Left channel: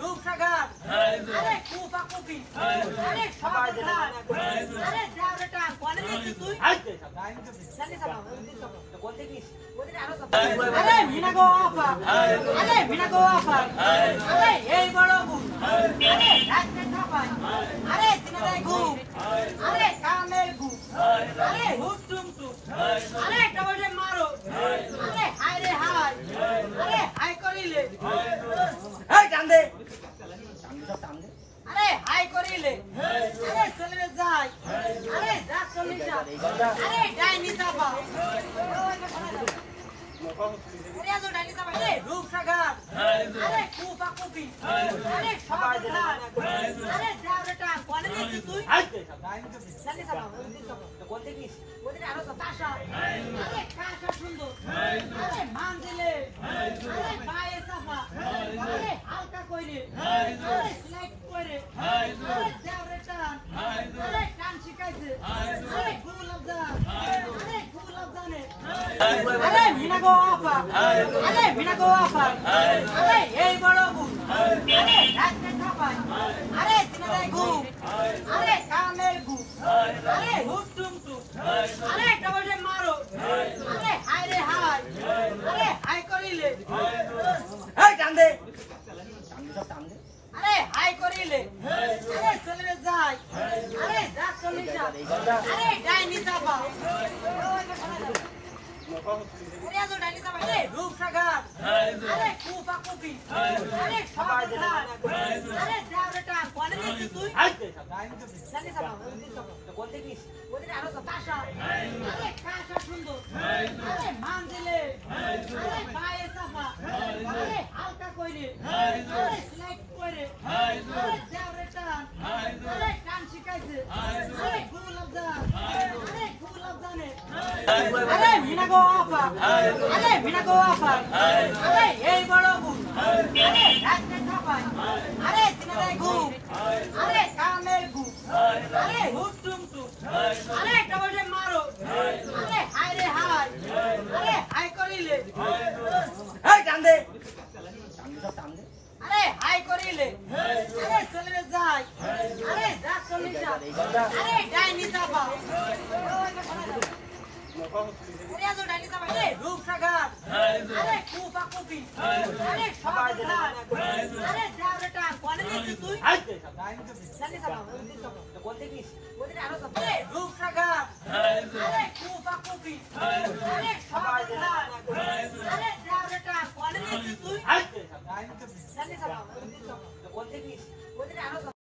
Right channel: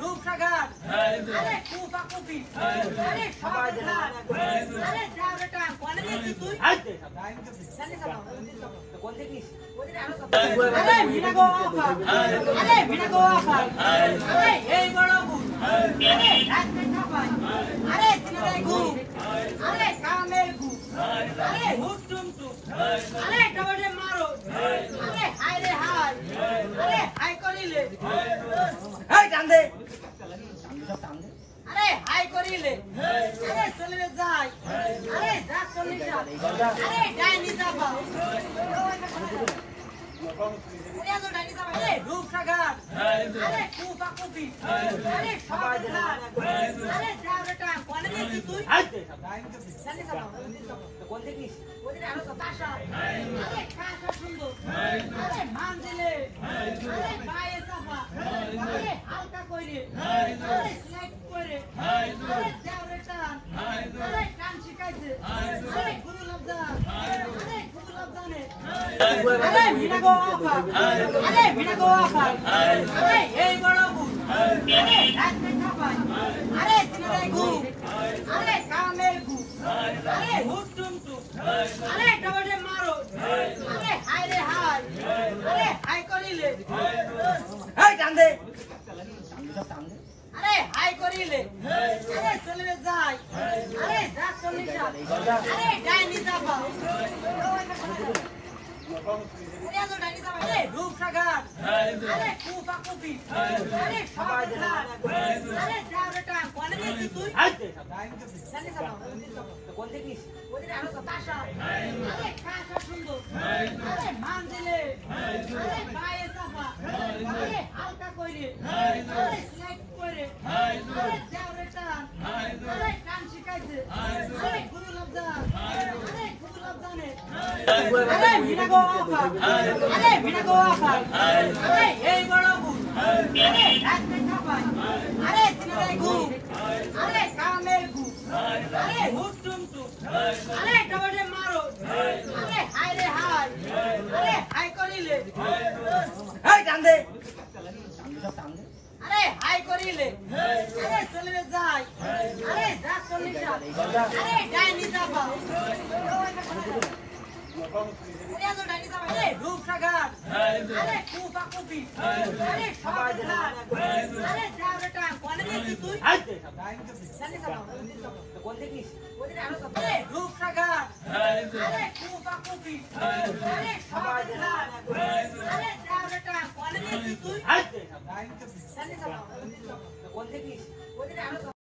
রূপসাগর আরে কুপা কুপি আরে সবাই আরে যাওরেটা কোনে দিছিস তুই জানিস না কোন দিছিস ওদিকে আরো সব আরে ভিনাগো আফা আরে ভিনাগো আফা আরে এই বড় বুক আরে রাস্তা চাপাই আরে তিনরে ঘুম আরে কামের ঘুম আরে হুটুম টু আরে ডবলে মারো আরে হাই রে হাই আরে হাই করিলে এই টান দে আরে হাই করিলে আরে চলে যাই আরে যা চলে যা আরে ডাইনি যাবা আরে তো ডাইনি যাবা আরে রূপসাগর আরে কুপা কুপি আরে সবাই আরে যাওরেটা কোনে দিছিস তুই জানিস না কোন দিছিস ওদিকে আরো সব পাশা আরে কাঁচা সুন্দর আরে মান দিলে আরে পায়ে চাপা আরে হালকা কইরে আরে স্নেক কইরে আরে যাওরেটা আরে কান শিখাইছে আরে গুলাব জান আরে গুলাব জানে আরে ভিনাগো আফা আরে ভিনাগো আফা আরে এই বড় বুক আরে রাস্তা চাপাই আরে তিনরে ঘুম আরে কামের ঘুম আরে হুটুম টু আরে ডবলে মারো আরে হাই রে হাই আরে হাই করিলে এই টান দে আরে হাই করিলে আরে চলে যাই আরে যা চলে যা আরে ডাইনি যাবা আরে তো ডাইনি যাবা আরে রূপসাগর আরে কুপা কুপি আরে সবাই আরে যাওরেটা কোনে দিছিস তুই জানিস না কোন দিছিস ওদিকে আরো সব পাশা আরে কাঁচা সুন্দর আরে মান দিলে আরে পায়ে চাপা আরে হালকা কইরে আরে স্নেক কইরে আরে যাওরেটা আরে কান শিখাইছে আরে গুলাব জান আরে গুলাব জানে আরে ভিনাগো আফা আরে ভিনাগো আফা আরে এই বড় বুক আরে রাস্তা চাপাই আরে তিনরে ঘুম আরে কামের ঘুম আরে হুটুম টু আরে ডবলে মারো আরে হাই রে হাই আরে হাই করিলে এই টান দে আরে হাই করিলে আরে চলে যাই আরে যা চলে যা আরে ডাইনি যাবা আরে তো ডাইনি যাবা আরে রূপসাগর আরে কুপা কুপি আরে সবাই আরে যাওরেটা কোনে দিছিস তুই জানিস না কোন দিছিস ওদিকে আরো সব আরে রূপসাগর আরে কুপা কুপি আরে সবাই আরে যাওরেটা কোনে দিছিস তুই জানিস না কোন দিছিস ওদিকে আরো